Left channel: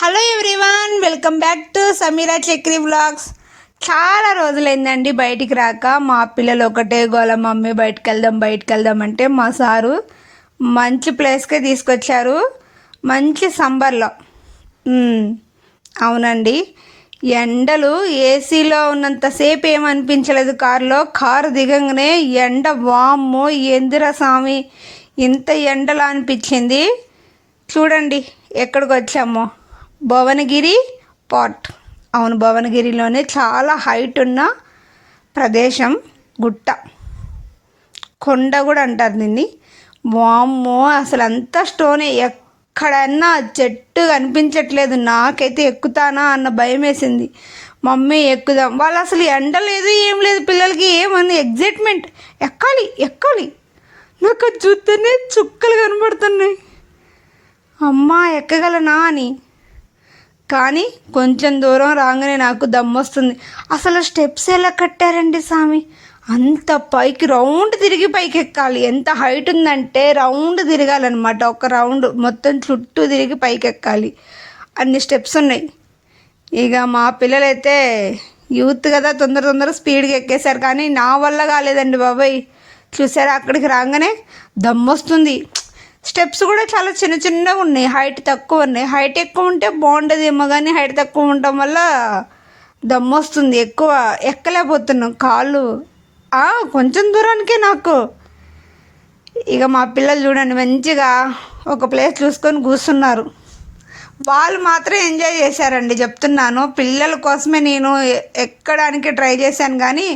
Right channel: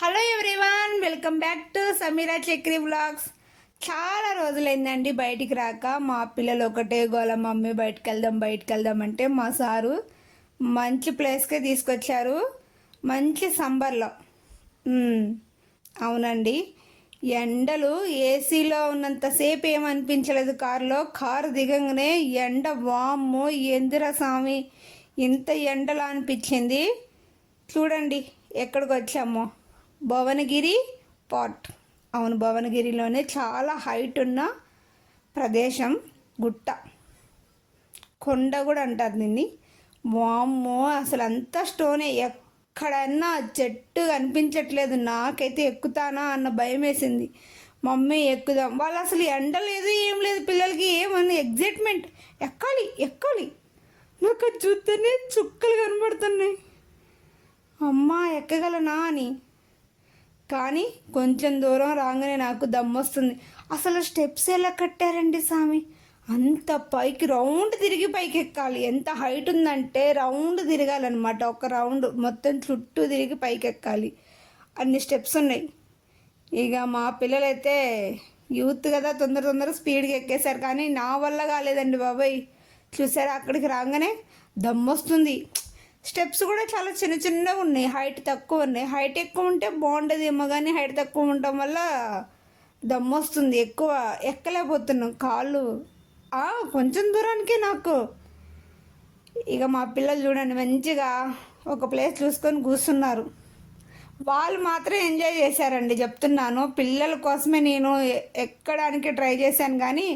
Hello everyone welcome back to Sameera Chakri vlogs చాలా రోజులైందండి బయటికి రాక. మా పిల్లలు ఒకటే గోల మమ్మీ బయటకు వెళ్దాం బయటకు వెళ్దాం అంటే మా సారు మంచి ప్లేస్కే తీసుకొచ్చారు. మంచి సంబర్లో అవునండి. ఎండలు ఏసీలో ఉన్నంతసేపు ఏమనిపించలేదు కారులో. కారు దిగంగానే ఎండ వామ్మో ఎందిరా స్వామి ఇంత ఎండలా అనిపించింది. చూడండి ఎక్కడికి వచ్చామో భువనగిరి పాట్ అవును భువనగిరిలోనే చాలా హైట్ ఉన్న ప్రదేశం గుట్ట. కొండ కూడా అంటారు దీన్ని. వామ్మో అసలు అంతా స్టోనే. ఎక్కడన్నా చెట్టు కనిపించట్లేదు. నాకైతే ఎక్కుతానా అన్న భయం వేసింది. మమ్మీ ఎక్కుదాం. వాళ్ళు అసలు ఎండ లేదు ఏం లేదు. పిల్లలకి ఏమని ఎగ్జైట్మెంట్. ఎక్కాలి ఎక్కాలి. నాకు చూస్తేనే చుక్కలు కనబడుతున్నాయి. అమ్మా ఎక్కగలనా అని. కానీ కొంచెం దూరం రాగానే నాకు దమ్మొస్తుంది. అసలు స్టెప్స్ ఎలా కట్టారండి స్వామి అంత పైకి రౌండ్ తిరిగి పైకి ఎక్కాలి ఎంత హైట్ ఉందంటే రౌండ్ తిరగాలన్నమాట. ఒక రౌండ్ మొత్తం చుట్టూ తిరిగి పైకి ఎక్కాలి అన్ని స్టెప్స్ ఉన్నాయి. ఇక మా పిల్లలైతే యూత్ కదా తొందర తొందర స్పీడ్గా ఎక్కేశారు. కానీ నా వల్ల కాలేదండి బాబాయ్. చూసారా? అక్కడికి రాగానే దమ్మొస్తుంది. స్టెప్స్ కూడా చాలా చిన్న చిన్నగా ఉన్నాయి. హైట్ తక్కువ ఉన్నాయి. హైట్ ఎక్కువ ఉంటే బాగుండదేమో కానీ హైట్ తక్కువ ఉండటం వల్ల దమ్మొస్తుంది ఎక్కువ ఎక్కలేకపోతున్నాం. కాళ్ళు. కొంచెం దూరానికే నాకు. ఇక మా పిల్లలు చూడండి మంచిగా ఒక ప్లేస్ చూసుకొని కూర్చున్నారు. వాళ్ళు మాత్రం ఎంజాయ్ చేశారండి. చెప్తున్నాను పిల్లల కోసమే నేను ఎక్కడానికి ట్రై చేశాను కానీ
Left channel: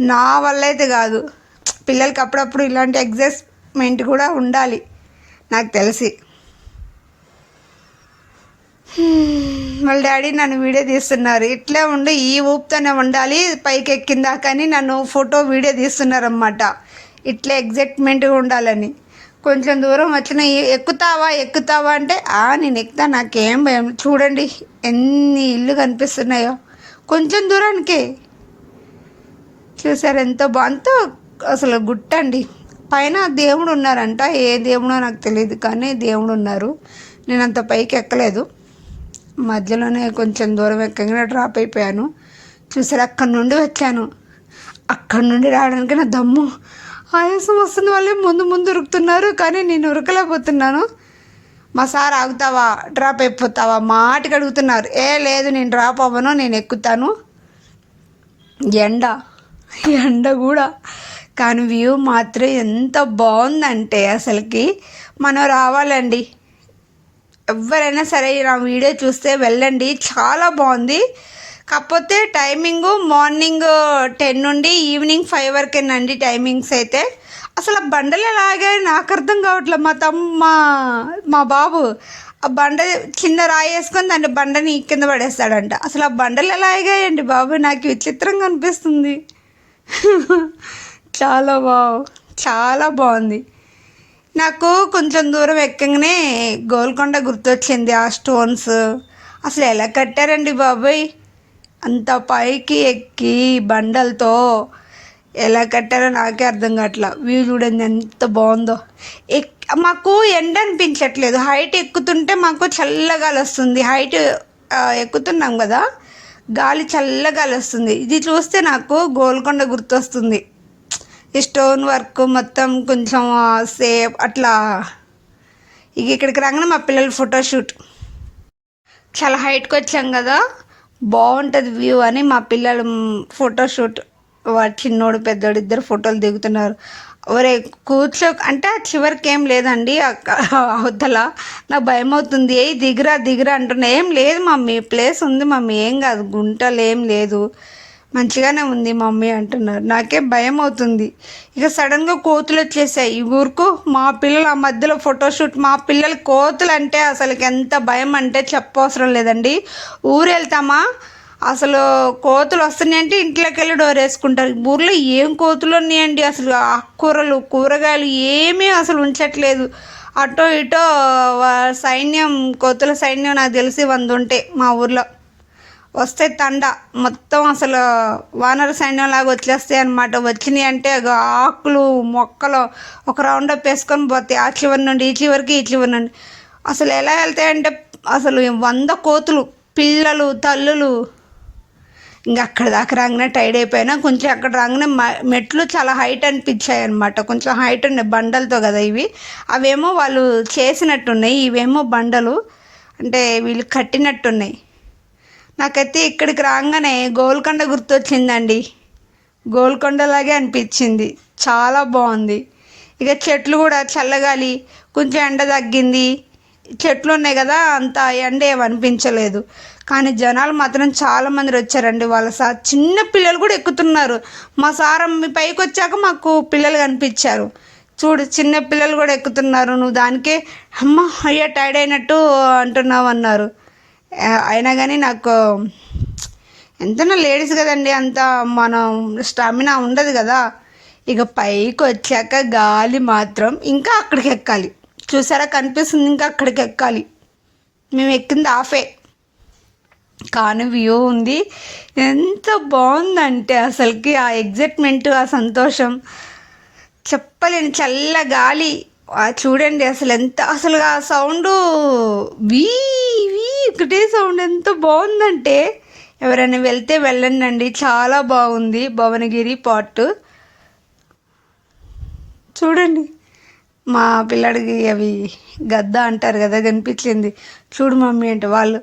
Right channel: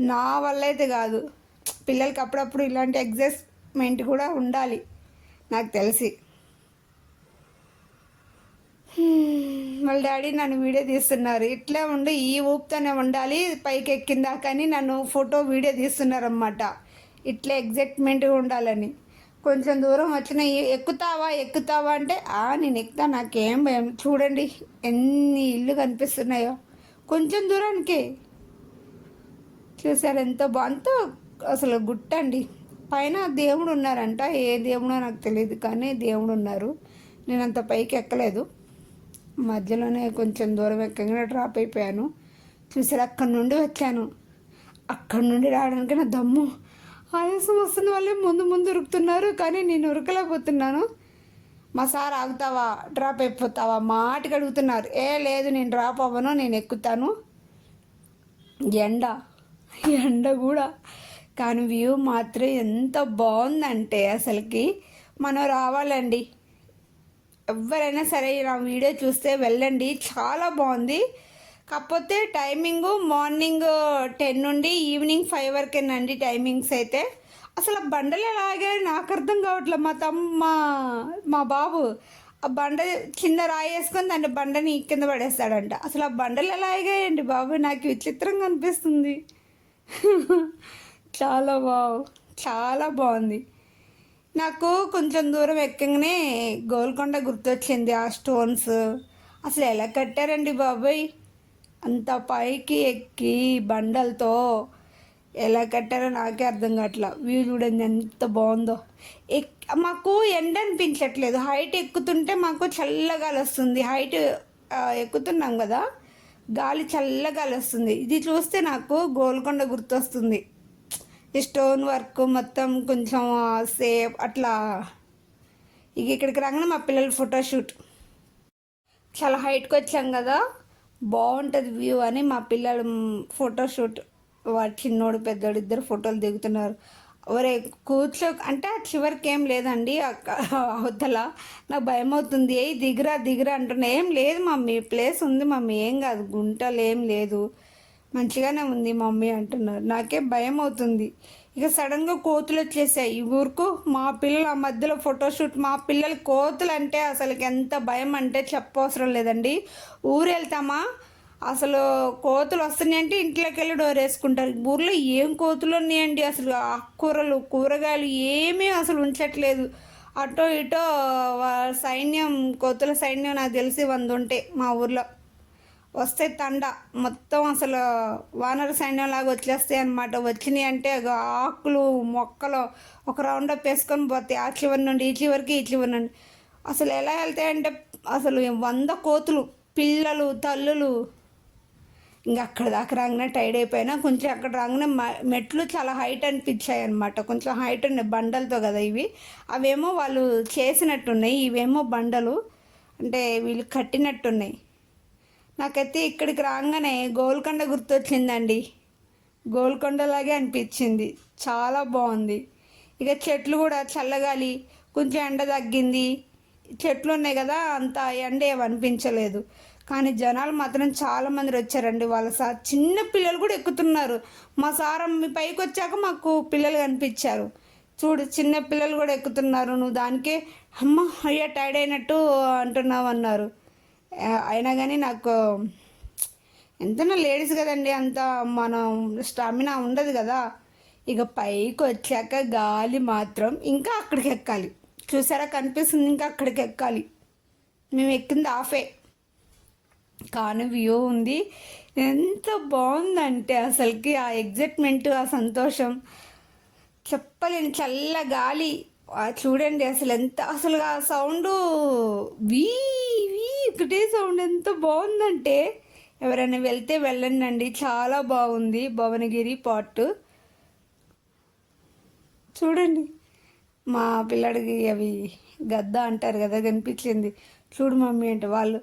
నా వల్ల అయితే కాదు. పిల్లలకి అప్పుడప్పుడు ఇలాంటి ఎగ్జైట్మెంట్ కూడా ఉండాలి. నాకు తెలిసి. వాళ్ళ డాడీ నన్ను వీడియో తీస్తున్నారు. ఇట్లే ఉండి ఈ ఊపుతోనే ఉండాలి పైకి ఎక్కిందా కానీ నన్ను ఫోటో వీడియో తీస్తున్నారన్నమాట. ఇట్లా ఎగ్జైట్మెంట్గా ఉండాలని. కొంచెం దూరం వచ్చిన ఎక్కుతావా ఎక్కుతావా? అంటే ఆ నేను ఎక్కుతా నాకేం భయం. చూడండి ఎన్ని ఇల్లు కనిపిస్తున్నాయో. కొంచెం దూరానికి. చూసారు ఎంత బాగుంతో అసలు గుట్టండి. పైన దేవుడు ఉన్నారంట ఏ దేవుడో నాకు తెలియదు కానీ దేవుడు ఉన్నారు నేను అంత పైకి ఎక్కలేదు. మధ్యలోనే కొంచెం దూరం ఎక్కగానే డ్రాప్ అయిపోయాను. చూసారు అక్కడి నుండి వచ్చాను. అక్కడి నుండి రావడానికి నా దమ్ము. ఆయాసం వస్తుంది వాళ్ళే ముందు ముందు ఉరుకుతున్నారు కానీ నేను ఉరకలేకపోతున్నాను. మా సార్ ఆగుతావా? డ్రాప్ అయిపోతావా? మాటికి అడుగుతున్నారు. ఏ లేదు నేను డ్రాప్ అవ్వను నేను ఎక్కుతాను. ఎండ. ఎండ కూడా. కానీ వ్యూ మాత్రం ఎంత బాగుందంటే అసలుకి. మనం రావాలండి. ఎవరైనా సరే నా వీడియో చూస్తే వెళ్ళండి. చాలా బాగుంది. కాకపోతే టైమింగు మార్నింగ్ టెన్ నుండి ఈవినింగ్ ఫైవ్ వరకేనండి టైమింగ్స్ అయితే. అసలు ఆ బండలు ఎలాగే నాకు అర్థం కావట్లేదు. మా తమ్మ మా బాబు ఆ బండ కింద రాయేసుకొని దాన్ని బండని కింద పడేస్తాడంట. అసలు ఆ బండలు ఎలా ఎగాయండి బాబు? నాకు విచిత్రంగా అనిపిస్తుంది. చాలా బాగు చాలా బాగుంది. నాకు కొంచెం దూరం ఎక్కగానే గోల్కొండ గుర్తొచ్చింది ఆ స్టోన్స్. అసలు ఎలా కట్టారండి బాబాయ్? అంత పైకి ఎక్కి బండలతో ఎలా కట్టారో నాకే అర్థం కావట్లా వ్యూ చూడండి ఎంత బాగుందో. ఎక్ మాకు ఎండ అనిపించట్లేదు. హైట్ ఎక్కుతుంటే మాకు చల్లగాలి వస్తుంది హైట్ ఎక్కుతున్నాం కదా. గాలి చల్లగాలి వస్తుంది ఇది చూస్తే నాకు గోల్కొండ గుర్తొస్తుంది. ఈ స్టోన్ వర్క్ మొత్తం కొంచెం సేఫ్ అట్లా. ఇక ఇక్కడికి రాగానే మా పిల్లల ఫోటోషూట్ చాలా హైట్కి వచ్చాం కదా. బాగుంటుంది వ్యూ అని మా పిల్లలు ఫోటోషూట్ చిన్నోడు పెద్దోడు ఇద్దరు ఫోటోలు దిగుతున్నారు. ఒరే కూర్చో అంటే చివరికి ఏం లేదండి అక్క- అవతల. నాకు భయం అవుతుంది. ఏ దిగురా దిగురా అంటున్నా. ఏం లేదు మమ్మీ. ప్లేస్ ఉంది మమ్మీ. ఏం కాదు గుంటలు ఏం లేదు. మంచిగానే ఉంది మమ్మీ అంటున్నారు. నాకే భయం అవుతుంది. ఇక సడన్గా కోతులు వచ్చేసాయి. ఈ ఊరుకు మా పిల్లలు ఆ మధ్యలో ఫోటోషూట్ మా పిల్లలు కోతులు అంటే అసలు ఎంత భయం అంటే చెప్పవసరం లేదండి. ఊరు వెళ్తామా అసలు కోతులు వస్తున్నాయంటే ఇంట్లోకి వెళ్ళి డోర్ వేసుకుంటారు. ఊర్లో ఏం కోతులు ఉన్నాయండి? అసలు ఆకుకూరలు కూరగాయలు ఏమీ అసలు ఉంచట్లేదు. అటో ఇటో సైన్యం కోతుల సైన్యం నాకు తెలిసి వంద ఉంటాయి మా ఊర్లో. వస్తే తండ. మొత్తం అసలు వానర సైన్యం లాగా వచ్చేస్తాయి అనమాట వచ్చినాయి అంటే ఆకులు మొక్కలు ఒక రౌండ్ అప్ వేసుకొని పోతాయి. ఆ చివరి నుండి ఈ చివరికి ఈ చివరి నుండి. అసలు ఎలా వెళ్తాయంటే అసలు వంద కోతులు పిల్లలు తల్లులు. ఇంకా అక్కడ దాకా రాగానే టైడ్ అయిపోయినా కొంచెం అక్కడ రాగానే మ- మెట్లు చాలా హైట్ అనిపించాయి అనమాట కొంచెం హైట్ ఉన్నాయి బండలతో కదా ఇవి. అవేమో వాళ్ళు చేసినట్టున్నాయి. ఇవేమో బండలు. అంటే వీళ్ళు కట్టినట్టున్నాయి. నాకైతే ఇక్కడికి రాగానే గోల్కొండ గుర్తొచ్చిందండి. గోల్కొండలాగే అనిపించింది. చాలా బాగుంది. ఇక చెట్లు కూడా చల్లగాలి కొంచెం ఎండ తగ్గింది. చెట్లు ఉన్నాయి కదా అంత ఎండ ఏమనిపించలేదు కానీ జనాలు మాత్రం చాలా మంది వచ్చారండి వాళ్ళ సార్ చిన్న పిల్లలు కూడా ఎక్కుతున్నారు. మా సార్ మీ పైకి వచ్చాక మాకు పిల్లలు కనిపించారు. చూడు చిన్న పిల్లలు కూడా ఎక్కుతున్నారు. నువ్వు దానికే అమ్మ అయ్యా టైర్డ్ అయినట్టు అంటున్నావు అన్నారు అయినా కానీ నాకు ఎంతైనా లేడీస్ కదండి అంత మనం స్టామినా ఉండదు కదా. ఇక పైకి వచ్చాక గాలి మాత్రం ఇంకా అక్కడికి ఎక్కాలి. చూసారా? కనిపిస్తుంది ఇంకా అక్కడికి ఎక్కాలి. మేము ఎక్కింది ఆఫే. కానీ వ్యూ ఉంది. ఎంత బాగుందంటే అసలుకి ఆ ఎగ్జైట్మెంట్ ఆ సంతోషం. చెప్పలేని చల్ల గాలి. చూడండి అసలు ఎంత అసలు ఆ సౌండ్ వీ ఒకటే సౌండ్ ఎంత బాగుందంటే ఎవరైనా వెళ్తే వెళ్ళండి అండి చాలా బాగుంది భువనగిరి పార్ట్. చూడండి. మా పిల్లడికి అవి గద్ద అంటారు కదా కనిపించింది. చూడు మమ్మీ అంటే వాళ్ళు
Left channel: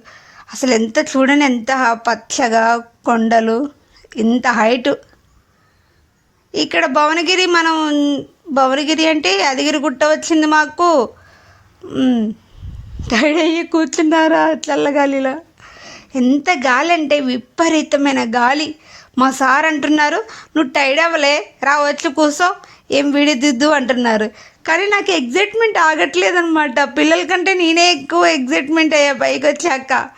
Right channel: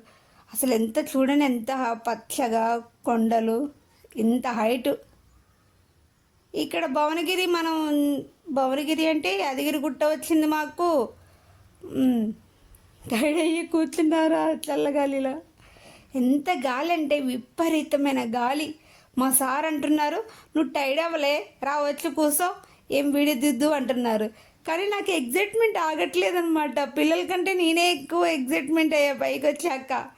అసలు ఎంత చూడండి ఎంత పచ్చగా కొండలు ఇంత హైటు. ఇక్కడ భువనగిరి మనం భువనగిరి అంటే యాదగిరి గుట్ట వచ్చింది మాకు. టైడ్ అయ్యి కూర్చున్నారా చల్లగాలిలో ఎంత గాలి అంటే విపరీతమైన గాలి. మా సార్ అంటున్నారు నువ్వు టైడ్ అవ్వలే రా వచ్చి కూర్చో ఏం విడిదిద్దు అంటున్నారు. కానీ నాకు ఎగ్జైట్మెంట్ ఆగట్లేదనమాట పిల్లల కంటే నేనే ఎక్కువ ఎగ్జైట్మెంట్ అయ్యా పైకి వచ్చాక.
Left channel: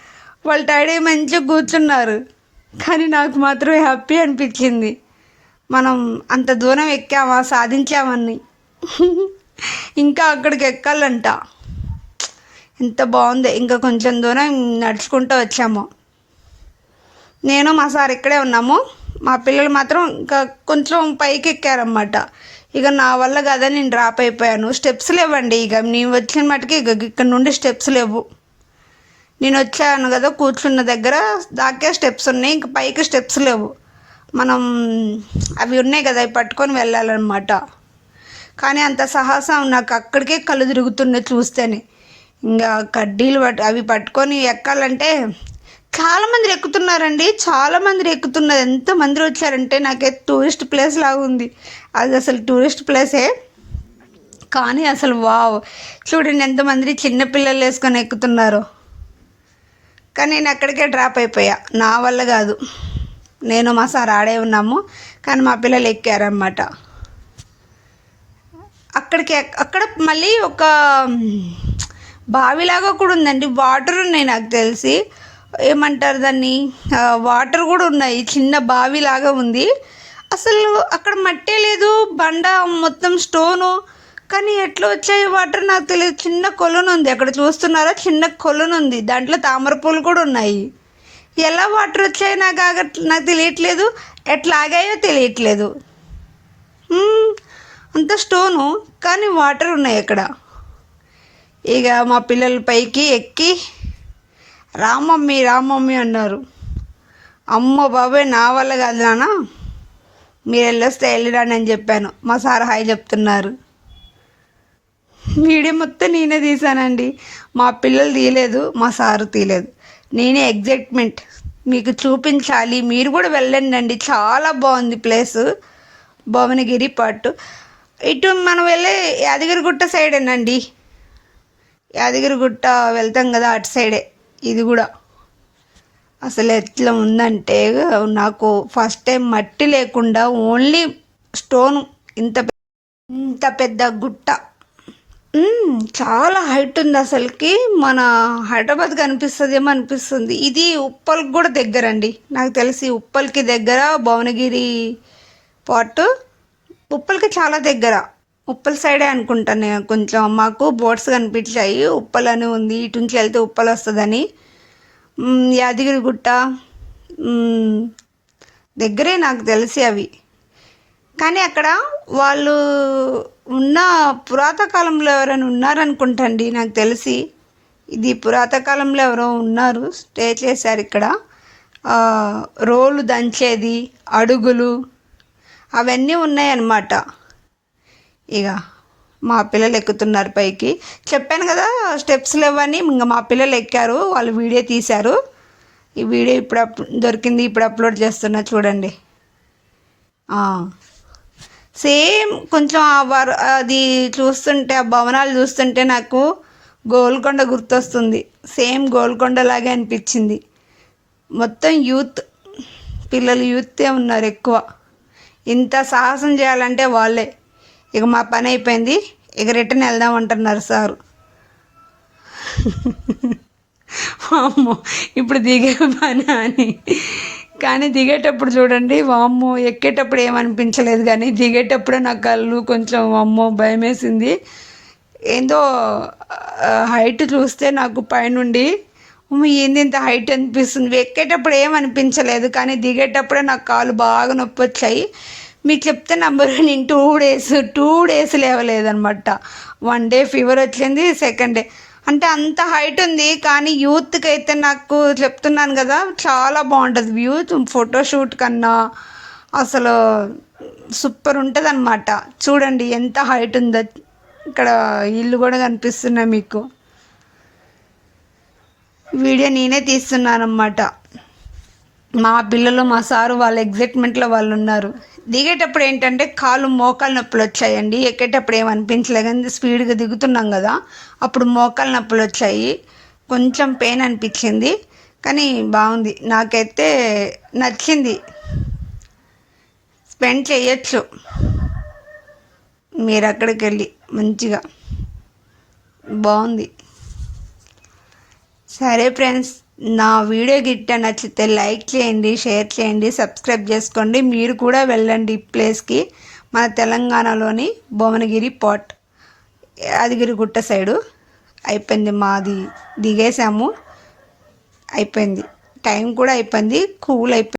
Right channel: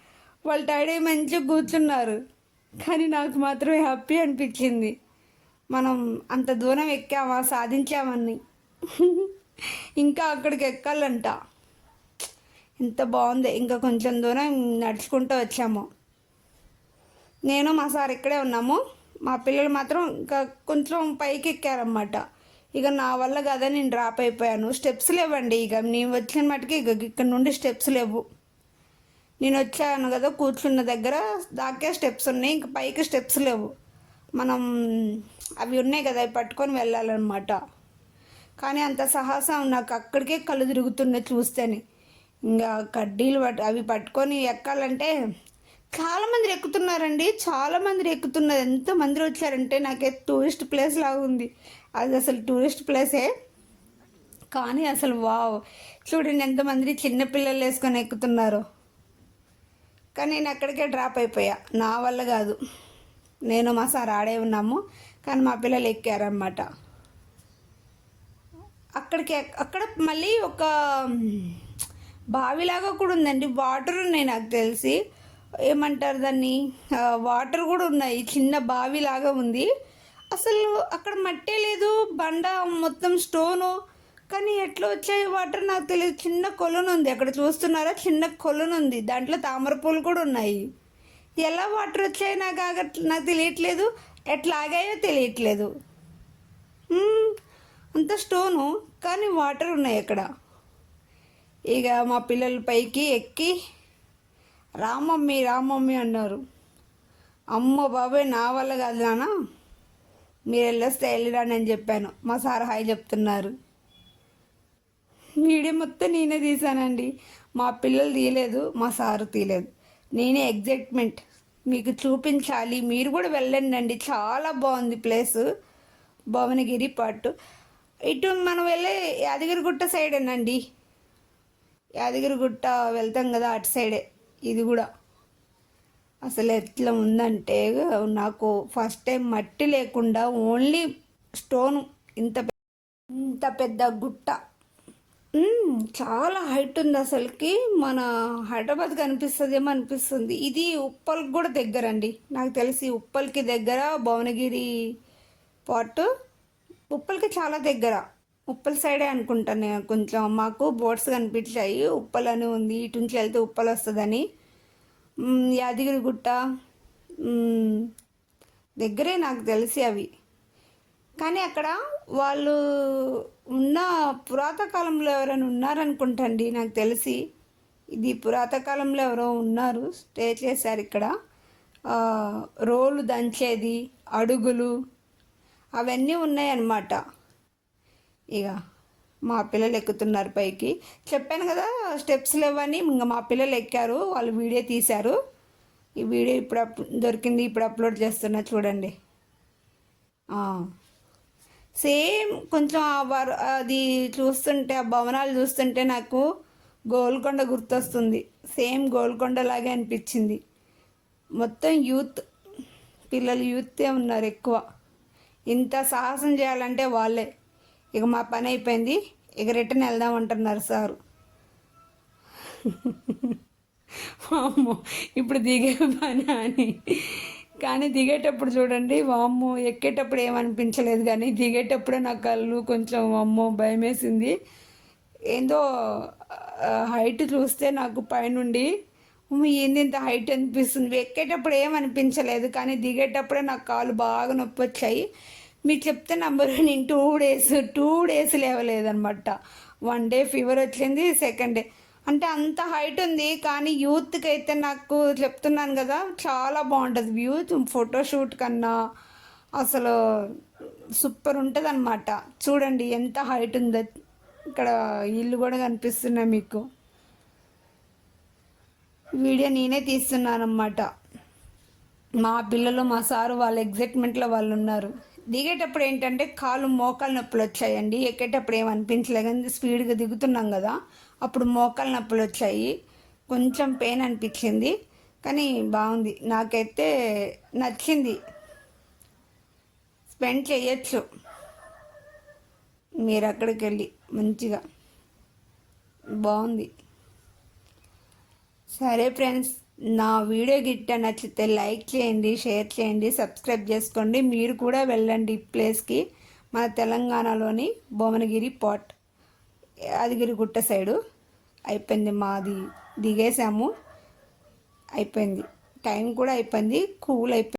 వాళ్ళు టైడ్ అయ్యి మంచిగా కూర్చున్నారు. కానీ నాకు మాత్రం హ్యాపీ అనిపించింది. మనం అంత దూరం ఎక్కామా సాధించామని. ఇంకా అక్కడికి ఎక్కాలంట. ఎంత బాగుంది ఇంకా కొంచెం దూరం నడుచుకుంటూ వచ్చాము. నేను మా సార్ ఇక్కడే ఉన్నాము. మా పిల్లలు మాత్రం ఇంకా కొంచెం పైకి ఎక్కారన్నమాట. ఇక నా వల్ల కదా నేను డ్రాప్ అయిపోయాను. స్టెప్స్ లేవండి ఇక. నేను వచ్చిన మటుకి ఇక ఇక్కడ నుండి స్టెప్స్ లేవు. నేను వచ్చాను కదా కూర్చున్న దగ్గర దాకే స్టెప్స్ ఉన్నాయి. ఇంక పైకి స్టెప్స్ లేవు. మనం అవి ఉన్నాయి కదా అవి పట్టుకొని వెళ్ళాలన్నమాట. కానీ అంత సాహసం నాకు అక్కడికే కళ్ళు తిరుగుతున్నాయి చూస్తేనే. ఇంకా కడ్డీలు పట్టు అవి పట్టుకొని ఎక్కాలంటే చాలామంది ఎక్కుతున్నారండి. చాలామంది ఎక్కుతున్నారు. ఎంతమంది వచ్చారంటే నాకే టూరిస్ట్ ప్లేస్ లాగా ఉంది. అది అసలు టూరిస్ట్ ప్లేసే. కానీ అసలు వావ్. చూడండి ఎంతమంది చిన్నపిల్లలు వేసుకొని ఎక్కుతున్నారు. కానీ నేను అక్కడికే డ్రాప్ అయిపోయా. నా వల్ల కాదు. నేను మా సార్ ఆడే ఉన్నాము. కానీ మా పిల్లలు ఎక్కారనమాట అక్కడికి ఎక్- అక్కడ మళ్ళీ ఒక బావిలాగా కూడా ఉందండి. వాటర్ ఉన్నాయి నాకు తెలిసి. ఏమంటారు దాన్ని? వాటర్ కూడా ఉన్నాయి. చిన్న బావిలాగా ఉంది. అసలు అక్కడ మట్టే లేదు. బండ మొత్తం స్టోను కానీ ఎట్లా వచ్చాయి వాటర్ నాకు తెలియదు. చిన్న కొలను ఉంది. అక్కడ చూస్తున్నారా? చిన్న కొలను ఉంది. దాంట్లో తామర పూలు కూడా ఉన్నాయి. ఎలా వాటర్ వచ్చాయి నాకు ఆగ నాకు తెలియట్లేదు. ఎట్లా ఆగాయో తెలియట్లేదు అంత స్టోను కానీ వాటర్ ఉన్నాయి అక్కడ. ఇక మా పిల్లల పైకి ఎక్కి రామమ్మీ రామమ్మీ అన్నారు. అమ్మ బాబాయ్ నా వల్ల కాదు నాన్న. మీరు వెళ్ళొస్తే వెళ్ళిరాని అని చెప్పాను. మా సార్ హాయ్ చెప్తున్నారు. వీడియో మొత్తం నేనే తీసానండి మా పిల్లలు తీయలేదు మా సారు తీయలేదు. నేనే ఎగ్జైట్మెంట్. మీకు చూపించాలి. మీరు కూడా వెళ్ళండి అండి. చాలా బాగుంది ప్లేస్. భువనగిరి పాటు ఇటు మనం వెళ్ళే యాదగిరిగుట్ట సైడేనండి. యాదగిరిగుట్ట వెళ్తాం కదా అటు సైడే. ఇది కూడా. అసలు ఎట్లా ఉందంటే నాకు ఫస్ట్ టైం మట్టి లేకుండా ఓన్లీ స్టోన్ ఇంత ఇంత పెద్ద గుట్ట. చాలా హైట్ ఉంది అసలుకి. మన హైదరాబాద్ కనిపిస్తుందేమో అనిపిస్తుంది. ఇది ఉప్పల్కి కూడా దగ్గర అండి. నాకు తెలిసి ఉప్పల్కి దగ్గర భువనగిరి పాటు ఉప్పల్కి చాలా దగ్గర. ఉప్పల సైడే అనుకుంటాను. కొంచెం మాకు బోట్స్ కనిపించాయి. ఉప్పల్ అని ఉంది. ఇటు నుంచి వెళ్తే ఉప్పల్ వస్తుందని. యాదగిరిగుట్ట యాదగిరి గుట్ట. దగ్గరే నాకు తెలిసి అవి. కానీ అక్కడ వాళ్ళు ఉన్న పురాతకాలంలో ఎవరైనా ఉన్నారనుకుంటండి నాకు తెలిసి. ఇది పురాతకాలంలో ఎవరో ఉన్నారు. స్టే చేశారు ఇక్కడ. రోలు దంచేది అడుగులు అవన్నీ ఉన్నాయన్నమాట. ఇక మా పిల్లలు ఎక్కుతున్నారు పైకి. చెప్పాను కదా స్టెప్స్ లేవని ఇంకా మా పిల్లలు ఎక్కారు వాళ్ళు వీడియో తీశారు. ఈ వీడియో ఇప్పుడు అప్ దొరికింది ఇప్పుడు అప్లోడ్ చేస్తున్నా చూడండి. సేమ్ కొంచెం ఆ వర్ అది చూస్తుంటే ఆ భవనాలు చూస్తుంటే నాకు గోల్కొండ గుర్తొస్తుంది. సేమ్ గోల్కొండ లాగే అనిపించింది. మొత్తం యూత్ పిల్లలు యూతే ఉన్నారు ఎక్కువ. ఇంత సాహసం చేయాలంటే వాళ్ళే. ఇక మా పని అయిపోయింది. ఇక రిటర్న్ వెళ్దాం అంటున్నారు సారు. వామ్మో ఇప్పుడు దిగే పని అని. కానీ దిగేటప్పుడు చూడండి వామ్మో ఎక్కేటప్పుడు ఏమనిపించలేదు కానీ దిగేటప్పుడే నా కళ్ళు కొంచెం వామ్మో భయం వేసింది ఏందో హైట్ చూస్తే నాకు పైనుండి ఏంది ఇంత హైట్ అనిపిస్తుంది? ఎక్కేటప్పుడు ఏమనిపించలేదు కానీ దిగేటప్పుడే నాకు కాలు బాగా నొప్పి వచ్చాయి. మీకు చెప్తే నంబర్ నేను టూ డేస్ టూ డేస్ లేవలేదనమాట వన్ డే ఫీవర్ వచ్చింది సెకండ్ డే అంటే అంత హైట్ ఉంది కానీ యూత్కి అయితే నాకు చెప్తున్నాను కదా చాలా బాగుంటుంది. వ్యూ ఫోటోషూట్ కన్నా అసలు సూపర్ ఉంటుంది అనమాట చూడండి ఎంత హైట్ ఉందో ఇక్కడ ఇల్లు కూడా కనిపిస్తున్నాయి మీకు. వీడియో నేనే తీస్తున్నాను అన్నమాట మా పిల్లలు మా సారు వాళ్ళ ఎగ్జైట్మెంట్లో వాళ్ళు ఉన్నారు. దిగేటప్పుడు ఏంటంటే కాలు మోకాలు నొప్పులు వచ్చాయండి. ఎక్కేటప్పుడు ఏమనిపించలేదు కానీ స్పీడ్గా దిగుతున్నాం కదా అప్పుడు మోకాలు నొప్పులు వచ్చాయి. కొంచెం పెయిన్ అనిపించింది. కానీ బాగుంది. నాకైతే నచ్చింది. స్పెండ్ చేయొచ్చు. మీరు అక్కడికి వెళ్ళి మంచిగా. బాగుంది. సరే ఫ్రెండ్స్ నా వీడియో గిట్ట నచ్చితే లైక్ చేయండి షేర్ చేయండి సబ్స్క్రైబ్ చేసుకోండి. మీరు కూడా వెళ్ళండి ఈ ప్లేస్కి మన తెలంగాణలోని భువనగిరి పోర్ట్. యాదగిరిగుట్ట సైడు అయిపోయింది మాది. దిగేసాము. అయిపోయింది. టైం కూడా అయిపోయింది. కూల్ అయిపోయింది.